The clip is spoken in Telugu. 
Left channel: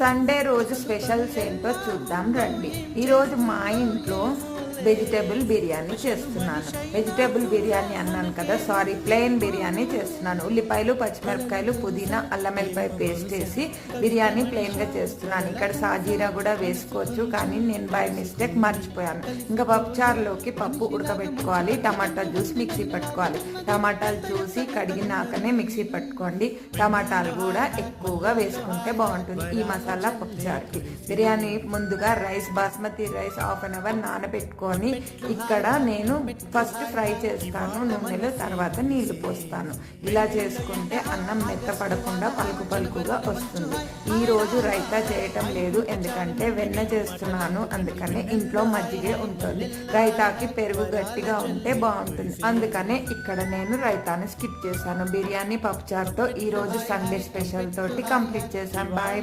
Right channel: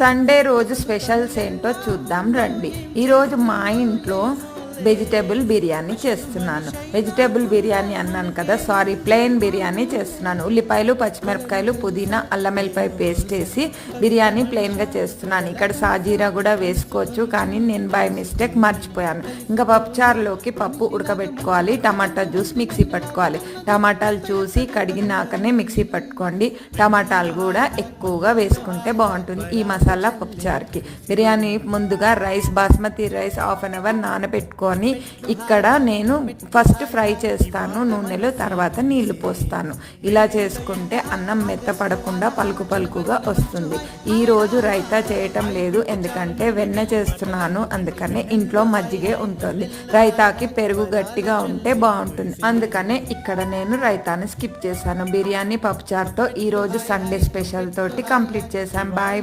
సండే రోజు స్పెషల్స్ ఏంటో చూద్దాం రండి. ఈరోజు మా ఇంట్లో వెజిటేబుల్ బిర్యానీ చేస్తున్నాను. వెజిటేబుల్ బిర్యానీ అన్నాను కదా, సారీ, ప్లెయిన్ బిర్యానీ చేస్తున్నాను. ఉల్లిపాయలు, పచ్చిమిరపకాయలు, పుదీనా, అల్లం వెల్లిపాయ పేస్ట్ వేసి బిర్యానీ ప్లెయిన్గా చేస్తున్నాను. ఇక్కడ సాజీరా కూడా వేసుకోవచ్చు, కానీ నేను బై మిస్టేక్ మర్చిపోయాను. ఇంకా పప్పుచారులోకి పప్పు ఉడకబెట్టుకోవాలి, టమాటా జ్యూస్ మిక్సీ పట్టుకోవాలి. టమాటాలు చూసి కడిగినాకనే మిక్సీ పట్టుకోండి. టమాటాలు కూడా ఎక్కువగా వేసుకుంటే బాగుంటుంది ఈ మసాలా పప్పుచారుకి. బిర్యానీ ముందుగా rice, basmati rice half an hour నానబెట్టుకోవాలి. ఇక్కడ నేను ఫస్ట్ ఫ్రై చేస్తాను నూనెలో, తర్వాత నీళ్లు పోస్తాను. ఇలా చేసుకుంటే అన్నం మెత్తపడకుండా పలుకు పలుకుగా వస్తుంది. ఈ రోజు రైతా చేయటం లేదు, ఎందుకంటే వెన్న చేస్తున్నాను, అందుకనే ఇంట్లో మజ్జిగే ఉంటుంది. రైతాకి పెరుగు గట్టిగా ఉంటే బాగుంటుంది, అందుకనే ఇక్కడ నేను రైతాని స్కిప్ చేశాను. బిర్యానీ పప్పుచారుతో ఈరోజు సండే స్పెషల్ తోటి కంప్లీట్ చేశాను. బాయ్.